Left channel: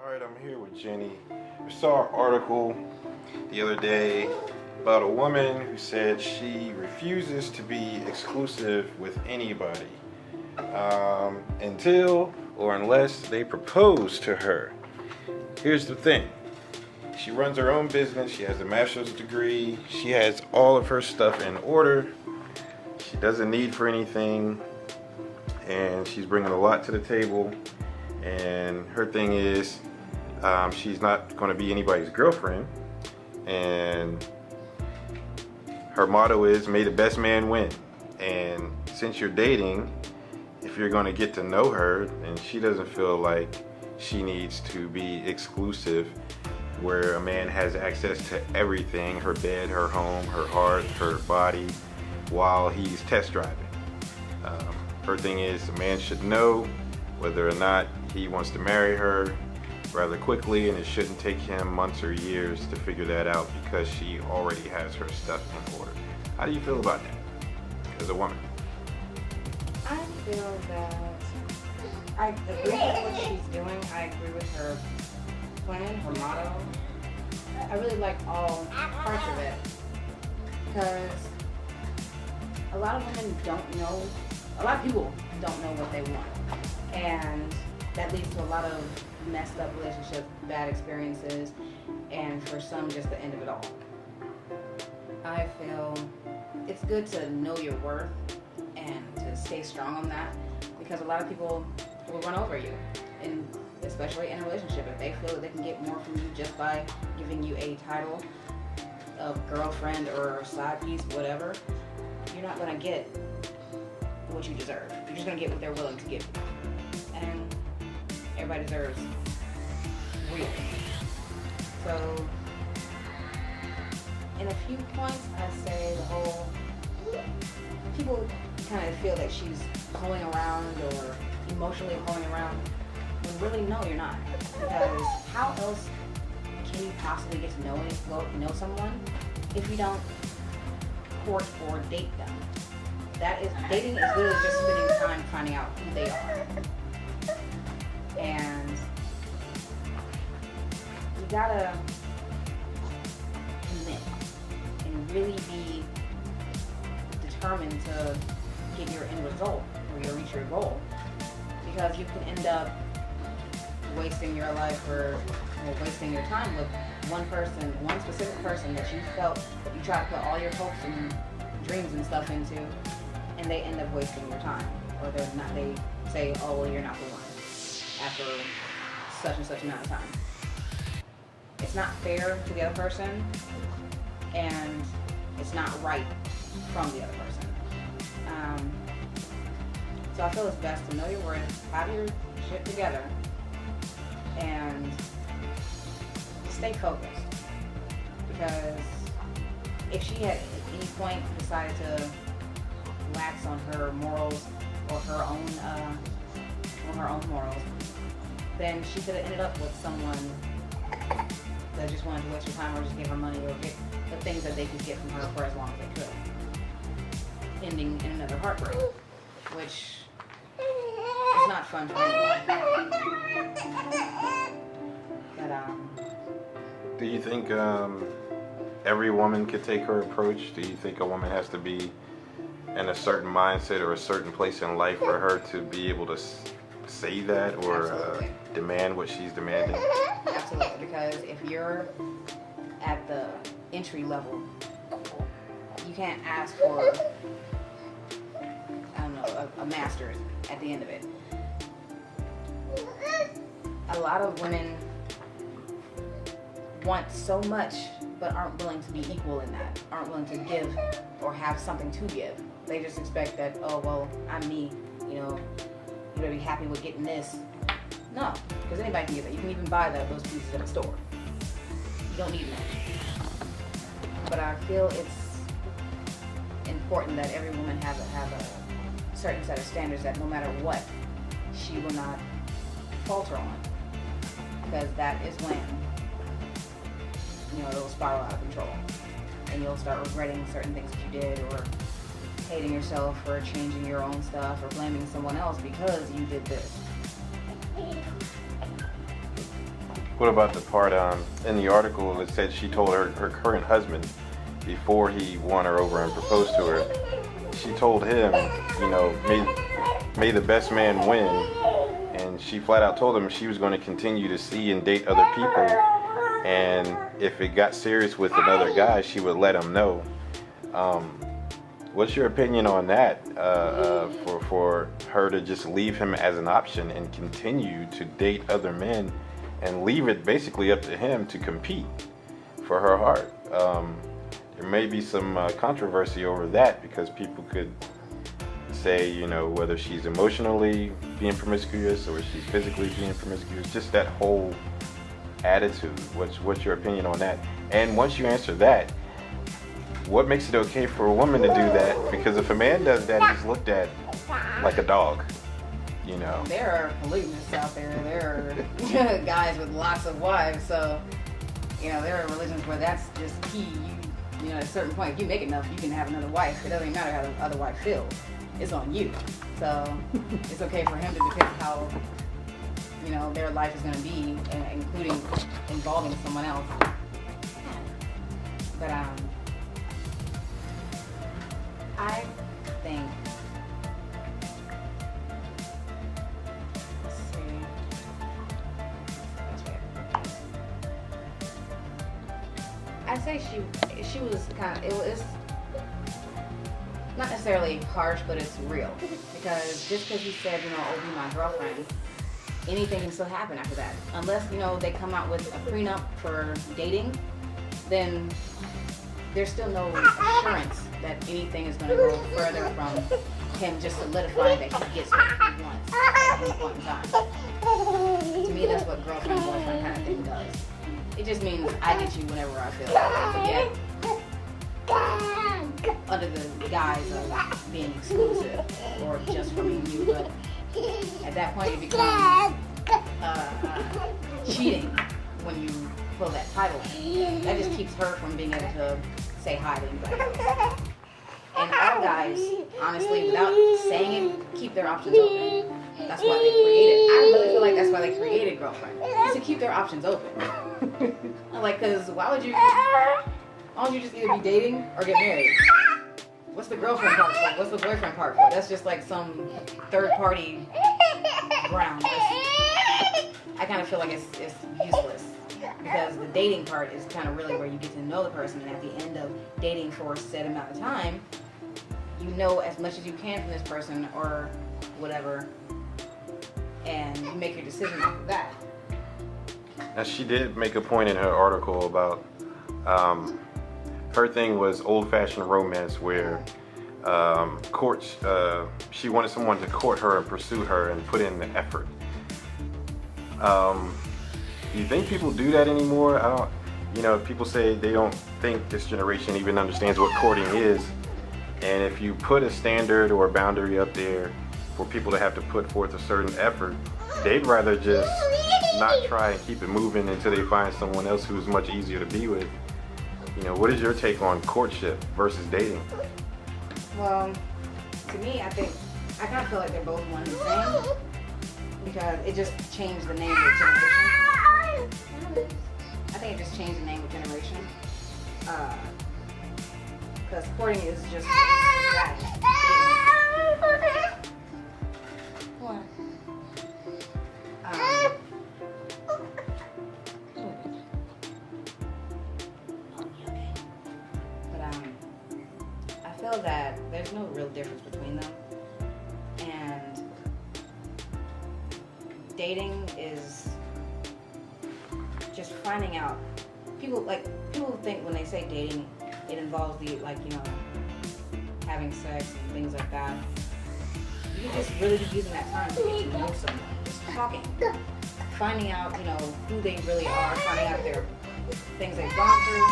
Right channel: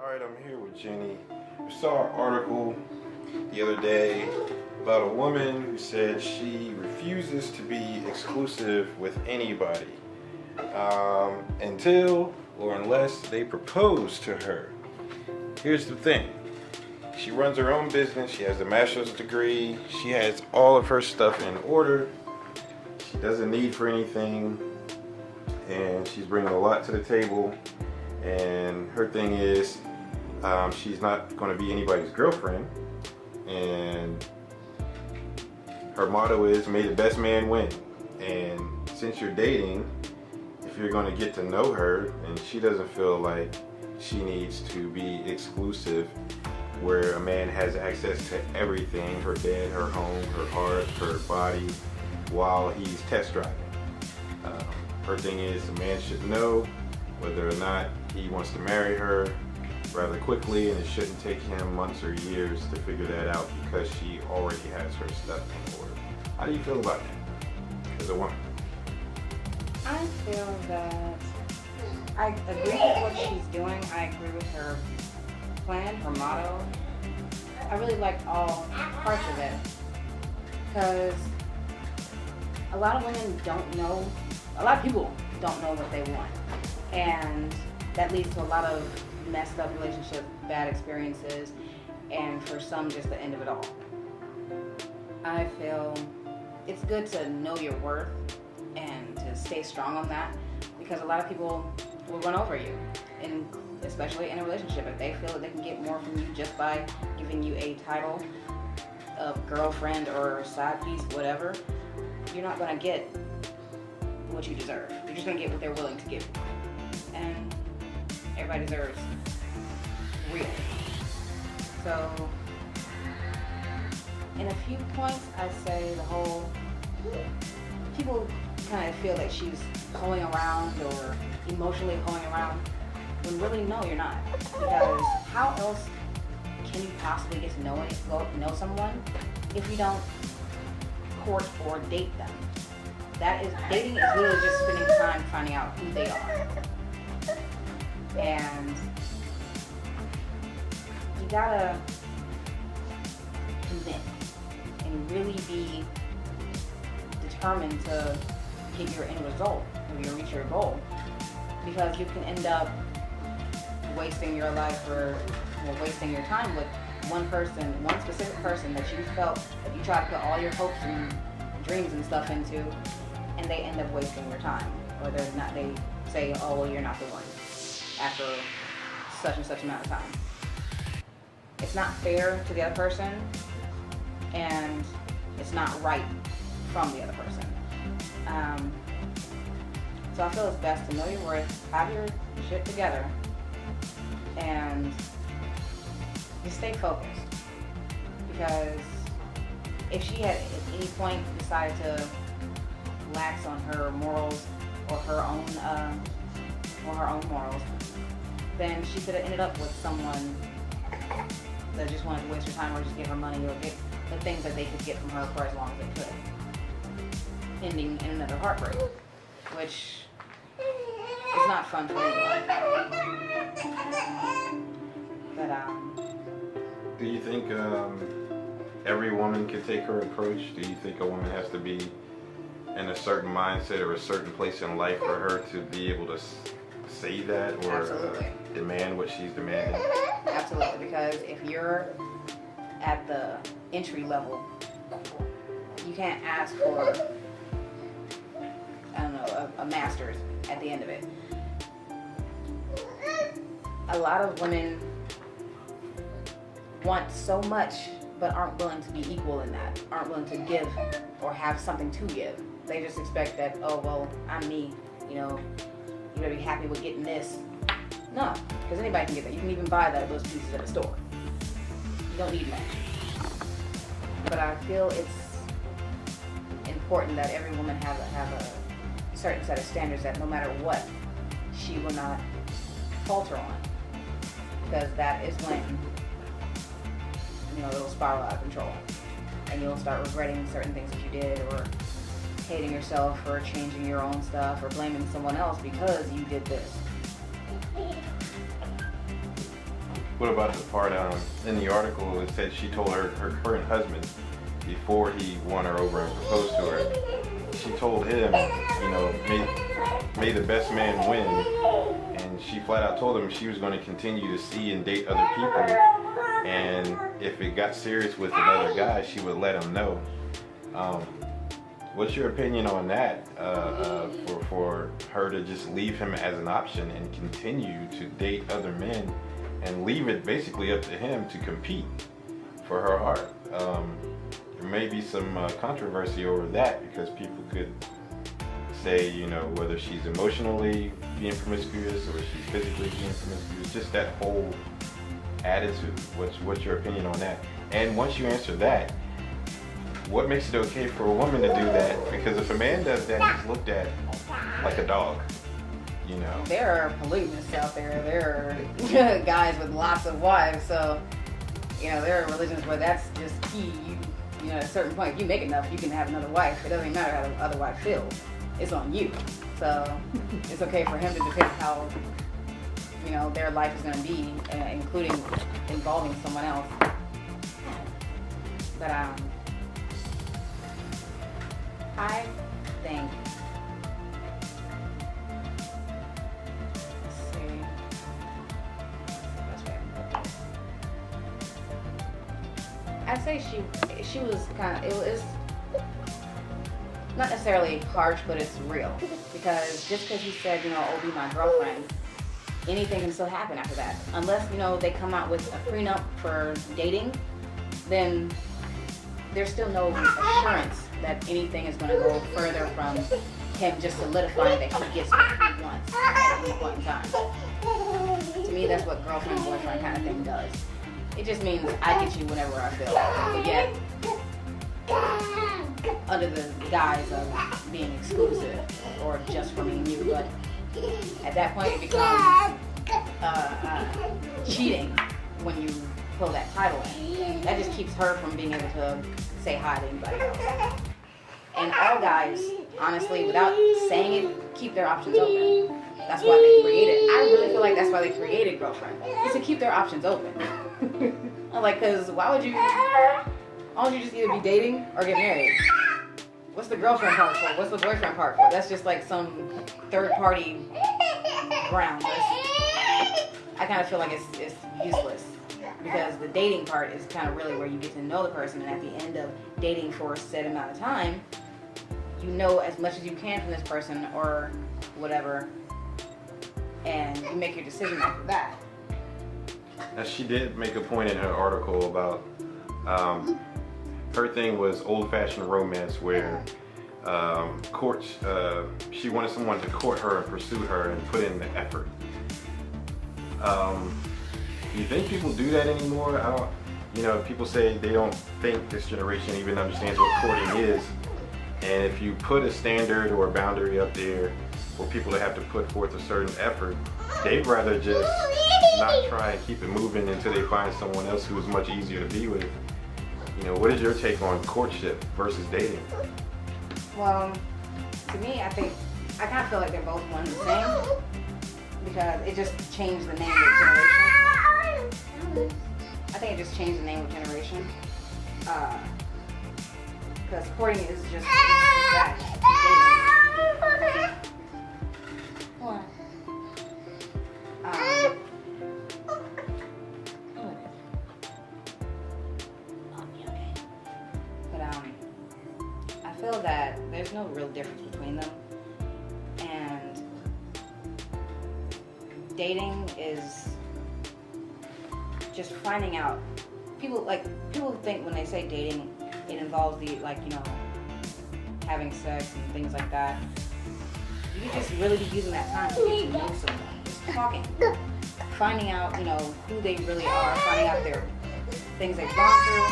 Alright, I'm here with Jenny. I saw an article the other day about a woman who said she refuses to be exclusive with anybody until or unless they propose to her. Here's the thing. She runs her own business. She has a master's degree. She has all of her stuff in order. She doesn't need for anything. And she's bringing a lot to the table. And her thing is, she's not going to be anybody's girlfriend. And her motto is, may the best man win. And since you're dating, if you're going to get to know her, and she doesn't feel like she needs to be exclusive, where a man has access to everything, her bed, her home, her heart, her body, while he's test driving. Her thing is, a man should know whether or not he wants to marry her rather quickly, and it shouldn't take him months or years to figure that out because she already has her stuff in order. How do you feel about that as a woman? I feel that I agree with what she's doing. I agree with her plan, her motto. I really like all parts of it because a lot of women don't know, a lot of people don't know what they want, and that leads to a lot of messed up relationship, bad experiences, and for some, just the end of it all. I feel it's good to know your worth and to stay strong on that, because a lot of people will run over you, and especially in a relationship, if they feel that they can get more from you just by giving you a title of girlfriend or side piece, whatever, you're not going to get what you deserve. You're just going to get what they're willing to give you. And everybody deserves real. So, in a few points, I say the whole, people kind of feel that she's hoeing around or emotionally hoeing around, when really, no, you're not. Because how else can you possibly get to know someone if you don't court or date them? Dating is literally just spending time finding out who they are. And you gotta commit and really be determined to get your end result or you reach your goal, because you can end up wasting your life or wasting your time with one specific person that you felt that you tried to put all your hopes and dreams and stuff into, and they end up wasting your time, or they say, oh, well, you're not the one after such and such amount of time. It's not fair to the other person, and it's not right from the other person. So I feel it's best to know your worth, have your shit together, and just stay focused. Because if she had at any point decided to lax on her morals or her own morals, then she could have ended up with someone that just wanted to waste her time or just give her money or get the things that they could get from her for as long as they could, ending in another heartbreak, which is not fun for anyone. But Do you think every woman could take her approach? Do you think a woman has to be in a certain mindset or a certain place in life for her to be able to say that or demand what she's demanding? Absolutely, because if you're at the entry level, you can't ask for, I don't know, a master's at the end of it. A lot of women want so much but aren't willing to be equal in that, aren't willing to give or have something to give. They just expect that, oh, well, I'm me, you better be happy with getting this. No, because anybody can get that. You can even buy those pieces at a store. You don't need much. But I feel it's important that every woman have a certain set of standards that no matter what, she will not falter on. Because that is when, it'll spiral out of control. And you'll start regretting certain things that you did, or hating yourself for changing your own stuff, or blaming someone else because you did this. What about the part in the article it said she told her current husband before he won her over and proposed to her, she told him, you know, may the best man win, and she flat out told him she was going to continue to see and date other people, and if it got serious with another guy, she would let him know. What's your opinion on that? For her to just leave him as an option and continue to date other men and leave it basically up to him to compete for her heart. There may be some controversy over that because people could say, you know, whether she's emotionally being promiscuous or she's physically being promiscuous, just that whole attitude. What's your opinion on that? And once you answer that, what makes it okay for a woman to do that? Because if a man does that, he's looked at like a dog, you know. There are polygamists out there. There are guys with lots of wives. So, you know, there are religions where that's just key. You know, at a certain point, if you make enough, you can have another wife. It doesn't matter how the other wife feels. It's on you. So it's okay for him to depict how, you know, their life is going to be, including involving someone else. But I think, let's see, what's the best way I can put this? I'd say she was kind of, it was not necessarily harsh, but it's real. Because just because he said, you know, oh, be my girlfriend, anything can still happen after that. Unless, you know, they come out with a prenup for dating, then there's still no assurance that anything is going to go further from him just solidifying that he gets what he wants at any point in time. To me, that's what girlfriend, boyfriend kind of thing does. It just means I get you whenever I feel like it. But yet, under the guise of being exclusive or just for me and you. But at that point, it becomes cheating when you pull that title in. That just keeps her from being able to say hi to anybody else. And all guys, honestly, without saying it, keep their options open. That's why they created. I really feel like that's why they created girlfriend, is to keep their options open. Like, cause why would you just either be dating or get married? What's the girlfriend part for? What's the boyfriend part for? That's just like some third party ground. I kind of feel like it's useless. Because the dating part is kind of really where you get to know the person, and at the end of dating for a set amount of time, you know as much as you can from this person or whatever, and you make your decision after that. Now, she did make a point in her article about her thing was old-fashioned romance where courts, she wanted someone to court her and pursue her and put in the effort. Do you think people do that anymore? I don't, you know, people say they don't think this generation even understands what courting is. And if you put a standard or a boundary up there for people to have to put forth a certain effort, they'd rather just not try and keep it moving until they find someone else who's much easier to be with. You know, what is your take on courtship versus dating? Well, to me, I kind of feel like they're both one and the same, because it just changed the name with generation. I think it just changed the name with generation. Because courting is just strategy. What? Okay. But I feel that there's no real difference between them, and dating is just finding out. People think when they say dating, it involves the, like, you know, having sex and things like that. You could just really be using that time to get to know someone, just talking, finding out, you know, who they really are, finding out their things they've gone through,